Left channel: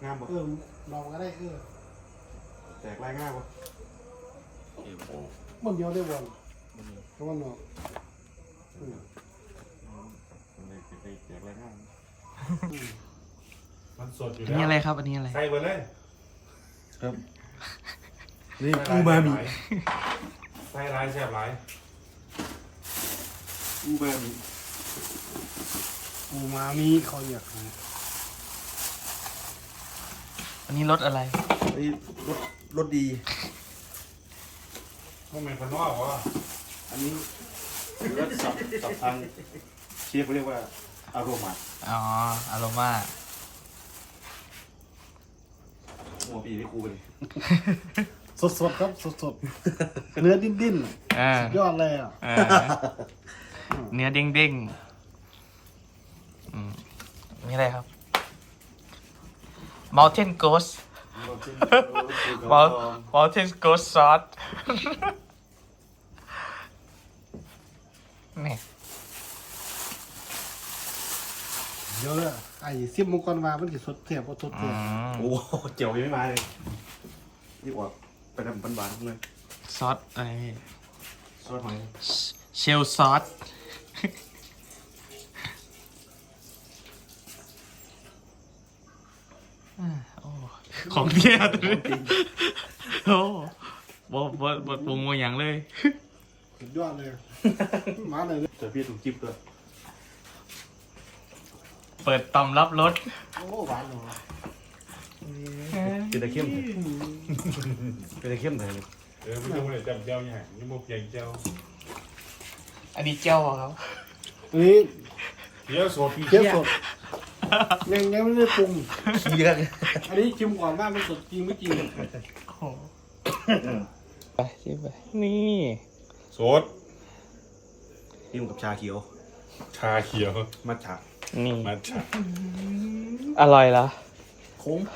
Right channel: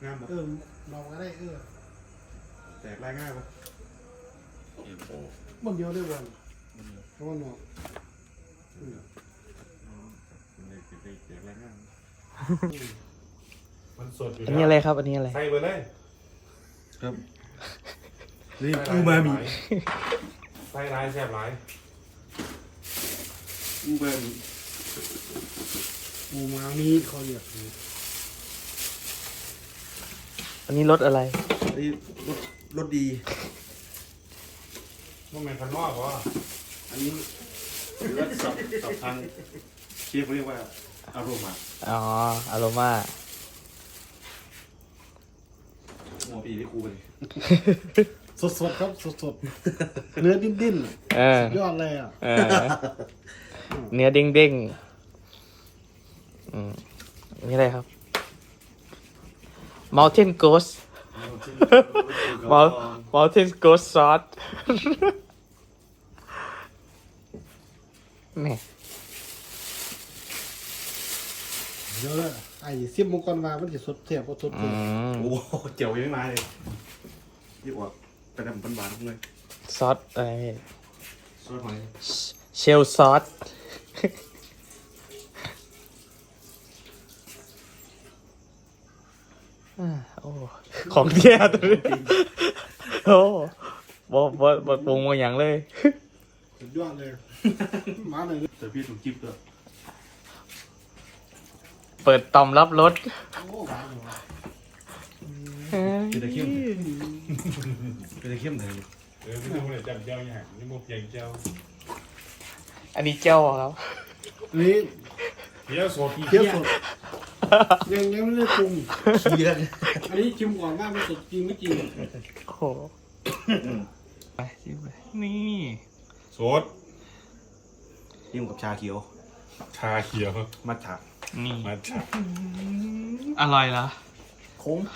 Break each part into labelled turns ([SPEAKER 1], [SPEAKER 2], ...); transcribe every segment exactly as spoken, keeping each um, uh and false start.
[SPEAKER 1] งามบ่
[SPEAKER 2] เออลองก็ได้เออ
[SPEAKER 1] แตกลายง่ายบ่
[SPEAKER 2] มันเดียวได้วันเพราะว่าเนาะ
[SPEAKER 1] มันเลยแตกลายง่าย
[SPEAKER 3] มันสดอยู่
[SPEAKER 4] อัน
[SPEAKER 3] แล้ว
[SPEAKER 4] นี้อะไรครับอันนี้อะไร
[SPEAKER 3] ใส่ไปเลย
[SPEAKER 1] ครับนี่อูมามิ
[SPEAKER 3] ใส่ร้ายแซ่บร้าย
[SPEAKER 1] อูมามิ
[SPEAKER 2] อูมามิเขาอยาก
[SPEAKER 4] อันนี้รสอะไร
[SPEAKER 1] นี่รสรสดี
[SPEAKER 3] มันเป็นคนนอกวะ
[SPEAKER 1] อันนี้หรือว่าสับสับทางเชฟเขาเรียกว่าอารมา
[SPEAKER 4] อ๋ออโรมา
[SPEAKER 1] หัวปีได้ครูไปเลย
[SPEAKER 2] สดสดครับสดสดเนื้อดิ้นดิ้น
[SPEAKER 4] เออย
[SPEAKER 2] อดเลยอ่ะ
[SPEAKER 4] เออเนื้อเด้งเด้งอืมอันนี่อะไรครับ Mountain Ghost Mountain Ghost Sauce นี่
[SPEAKER 2] เดี๋ยวเลยไอ้ซิมมุกก่อนมามันจะสดเทียบก็สดเทียบ
[SPEAKER 1] โอ้โหเจียวยังไม่มาเลยยี่ออกไปทำปันบานเลย
[SPEAKER 4] ซอสอะไร
[SPEAKER 1] ซอสหอย
[SPEAKER 4] เชลซอสอ่าโอ้ของเที่ยตัวนี้โอ้บ่บ่บ่ปรุงมาอย่างเลย
[SPEAKER 2] สุดยอดเลยมาเลย
[SPEAKER 1] เจอพี่ถูกจิ๊บด้วย
[SPEAKER 4] เปิดต่อมรับรส
[SPEAKER 2] โอ้หวานเลย
[SPEAKER 1] เป็นตะเข้มเป็นตะเข้มเลย
[SPEAKER 3] เออไม่ต้องเลยจับเจ้าอย่างนี่มุกอย่างเจ้า
[SPEAKER 4] อันนี้เจ้าครับ
[SPEAKER 2] นี่
[SPEAKER 3] เคี้ยวสด
[SPEAKER 2] เคี่ยวสดยังยังไม่ได้ปรุง
[SPEAKER 1] ขี้กัน
[SPEAKER 2] อันนี้ชิมก่อนว่ามันสดจริงไม่จริง
[SPEAKER 4] โอ้โหไปชิมไปนี่
[SPEAKER 3] สด
[SPEAKER 1] นี่กับชาเขียว
[SPEAKER 3] ชาเขียว
[SPEAKER 1] มัทฉะ
[SPEAKER 4] นี่
[SPEAKER 3] มาชา
[SPEAKER 4] อร่อยเหรอ
[SPEAKER 1] โค้ง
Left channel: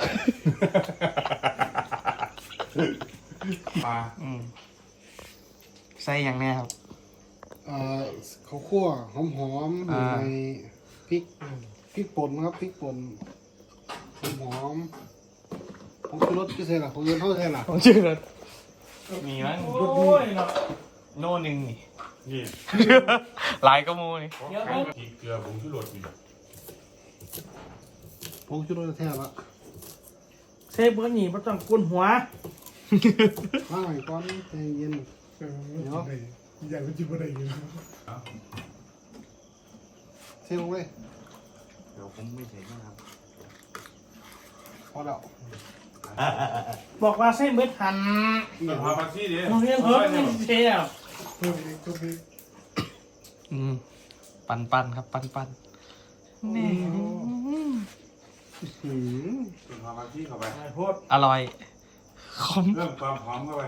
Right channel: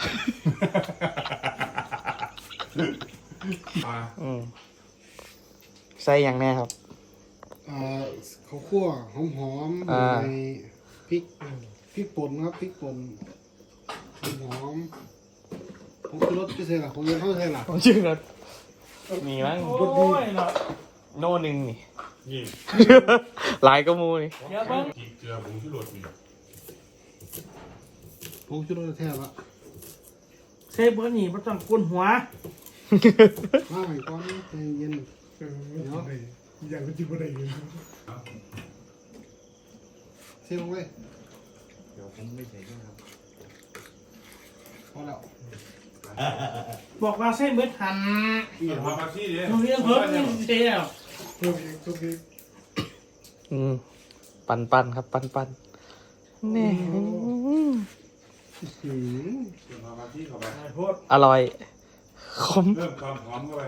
[SPEAKER 3] ปลา
[SPEAKER 4] อืมใส่อย่างแน่ครับ
[SPEAKER 2] เอ่อข้าวคั่วหอมหอมๆ
[SPEAKER 4] อ่า
[SPEAKER 2] ในพริกพริกป่นครับพริกป่นหอมหอมผงชูรสพิเศษล่ะผงชูรสเท่าไหร่ล่ะ
[SPEAKER 4] ผมชื่อรสมีมั้งโอ้ยโน่หนึ่งนี่
[SPEAKER 3] นี่
[SPEAKER 4] หลายก็มูย
[SPEAKER 3] ของขายที่เกลือผงชูรสนี่
[SPEAKER 2] ผงชูรสแท้ละ
[SPEAKER 5] เซฟเบอร์นี่ไม่ต้องกุ้นหัว
[SPEAKER 2] มาใหม่ก่อนใจเย็นเดี๋ยว
[SPEAKER 5] อย่างก็จิ้มอะไรอยู่
[SPEAKER 2] เที่ยวเว้ย
[SPEAKER 1] เดี๋ยวผมไม่ใส่นะครับ
[SPEAKER 2] พอแล้ว
[SPEAKER 5] บอกว่าเซฟเบอร์หัน
[SPEAKER 3] เอาพามาซี่ดิ
[SPEAKER 5] โรงเรียนเพิ่มนี่เชียว
[SPEAKER 2] เพิ่มอีกเพิ่มอีก
[SPEAKER 4] อืมปันปันครับ ปันปันนี่
[SPEAKER 2] หืม
[SPEAKER 1] เอาพามาที่เข้าไป
[SPEAKER 3] โพด
[SPEAKER 4] อร่อยคม
[SPEAKER 3] เพิ่มความหอมเข้าไป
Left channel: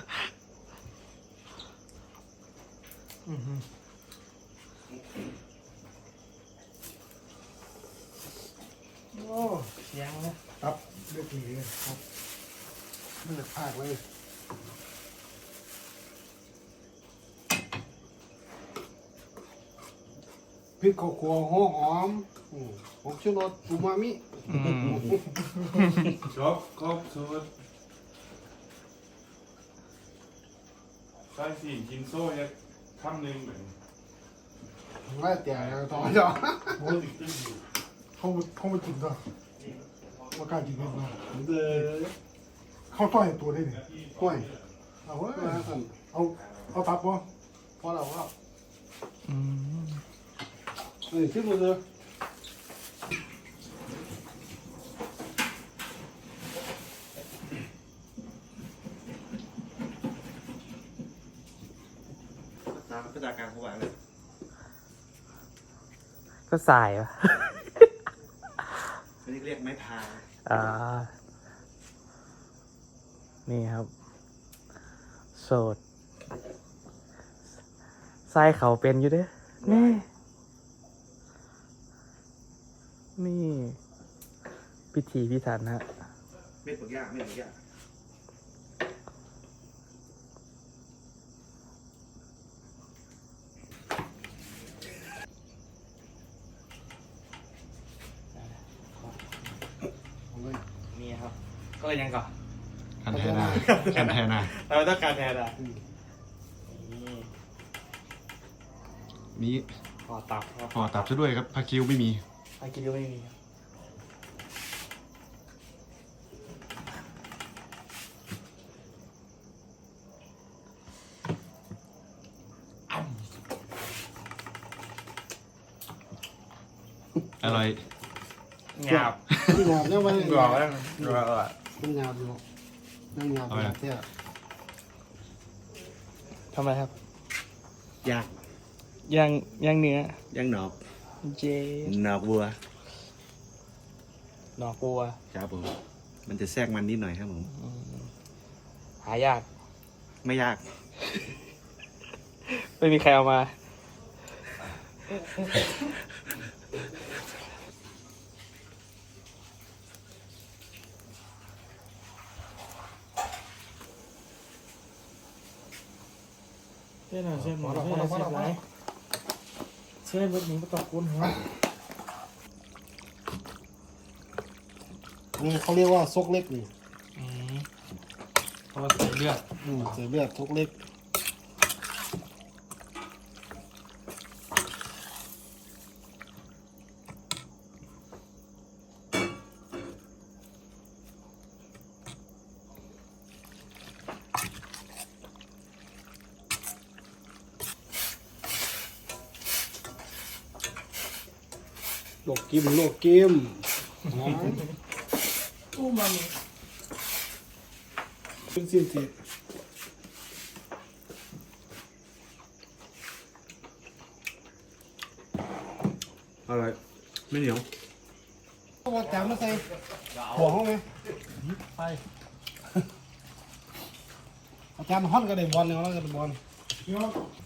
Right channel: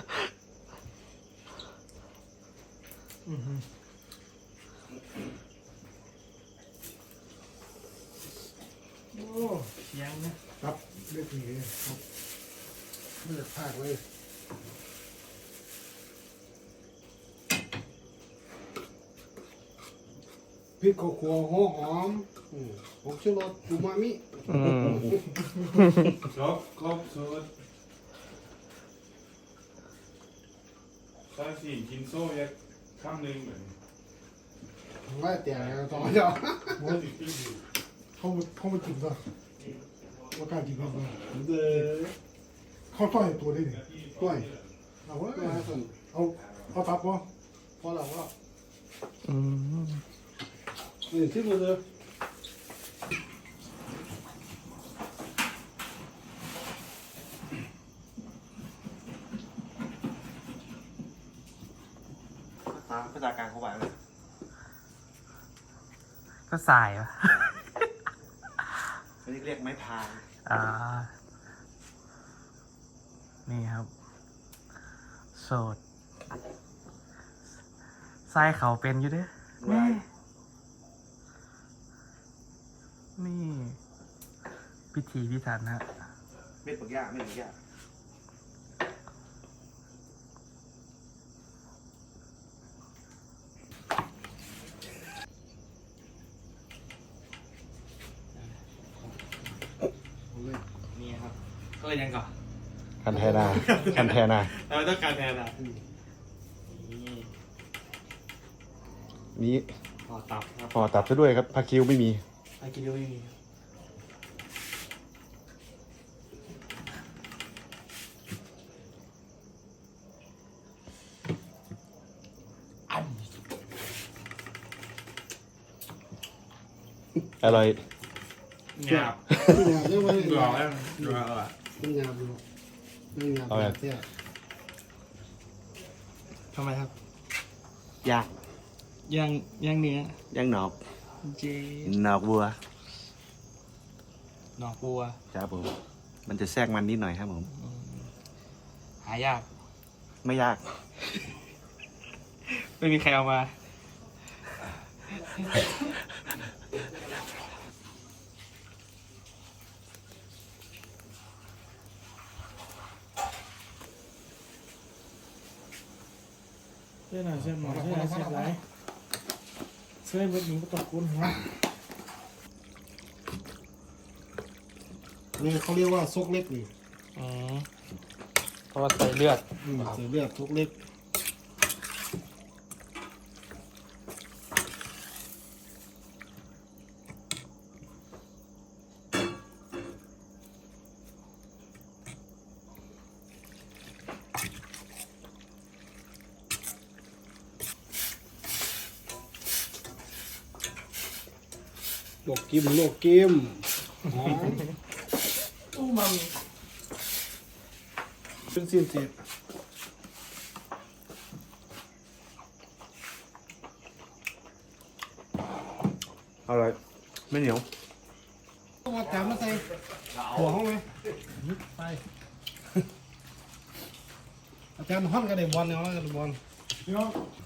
[SPEAKER 5] โอ้เสียงนะครับ
[SPEAKER 2] เลือกผีครับเลือกภาคเลยพริกข้าวคั่วหัวหอมอืมผงชูรสอูมามิ
[SPEAKER 4] อืม
[SPEAKER 3] จบครบสูตรใส่สี่กินโซ่ยักคำหนึ่งเหมือน
[SPEAKER 2] ว่าแต่ต่อจ้ะ
[SPEAKER 6] เขาเขามากินก็มากล้ากินกันก็
[SPEAKER 2] เด้อ
[SPEAKER 6] เขาต้อยตัวได้เนี่ย
[SPEAKER 2] ห่วย
[SPEAKER 6] เอาวะ
[SPEAKER 2] มาสั่น
[SPEAKER 6] เอาเอาตับวะ
[SPEAKER 2] พอแล้วว่า
[SPEAKER 4] อืม
[SPEAKER 2] นี่ชิมเลยเด้อ
[SPEAKER 1] ตามภาษากลางเขาบอกเลย
[SPEAKER 4] ก็สายวะ
[SPEAKER 1] อันนี้เรียกไม้พาย
[SPEAKER 4] อ่า นี่ครับ โสดไส้เขาเป็นอยู่เด้อนี่ นี่ พิธีพิถันฮะ
[SPEAKER 1] เม็ดปักย่าเม็ดปักย่า
[SPEAKER 4] ก็เลยยังก่อน
[SPEAKER 2] กันแทนากันแทนา
[SPEAKER 4] เราต้องการแทนอ่ะ
[SPEAKER 2] นี้
[SPEAKER 4] ห่อตับครับ
[SPEAKER 2] ห่อตับซะด้วยครับพาคิวไม่มี
[SPEAKER 4] ไอ้กินก็ไม่มีครับ
[SPEAKER 2] อร่อย
[SPEAKER 4] หยาบ
[SPEAKER 2] ไม่หยาบเนี่ยมัน
[SPEAKER 4] หยาบแล้วหยาบอ่ะ
[SPEAKER 2] ไม่หยาบอยู่ไม่หยาบแบบเนี้ย
[SPEAKER 4] ทำไมครับ
[SPEAKER 1] ย่าง
[SPEAKER 4] ย่างย่างเนื้อย่าง
[SPEAKER 1] หนอก
[SPEAKER 4] เจ
[SPEAKER 1] หนอกวัว
[SPEAKER 4] หนอกบัว
[SPEAKER 1] ครับผมมันจะแทรกมันนิดหน่อยครับผม
[SPEAKER 4] หายาก
[SPEAKER 1] ไม่ยาก
[SPEAKER 4] ไม่มีใครเอามาเส้นหน่อยเส้นหมอเส้นหน่อยเส้นไหนเส้นเบิดหนึ่งก็ต้องกุ้นหัว
[SPEAKER 2] นี่เขาเรียกว่าซกเล็กนี่
[SPEAKER 4] อืมเพราะว่าเสียเลือด
[SPEAKER 2] อืมเสือเลือดซกเล็กโลกกิมโลกกิมอ๋อ
[SPEAKER 5] อู้มัน
[SPEAKER 2] เป็นสิ้นเสร็จ
[SPEAKER 1] อร่อยไม่เหนียว
[SPEAKER 2] ต้องมาจานมาใส่หัวห้องไหม
[SPEAKER 5] ไป
[SPEAKER 2] อาจารย์ห้อนกระเด็นบอลเนี่ยแล้วกระเด็นบอล
[SPEAKER 6] พี่น้อง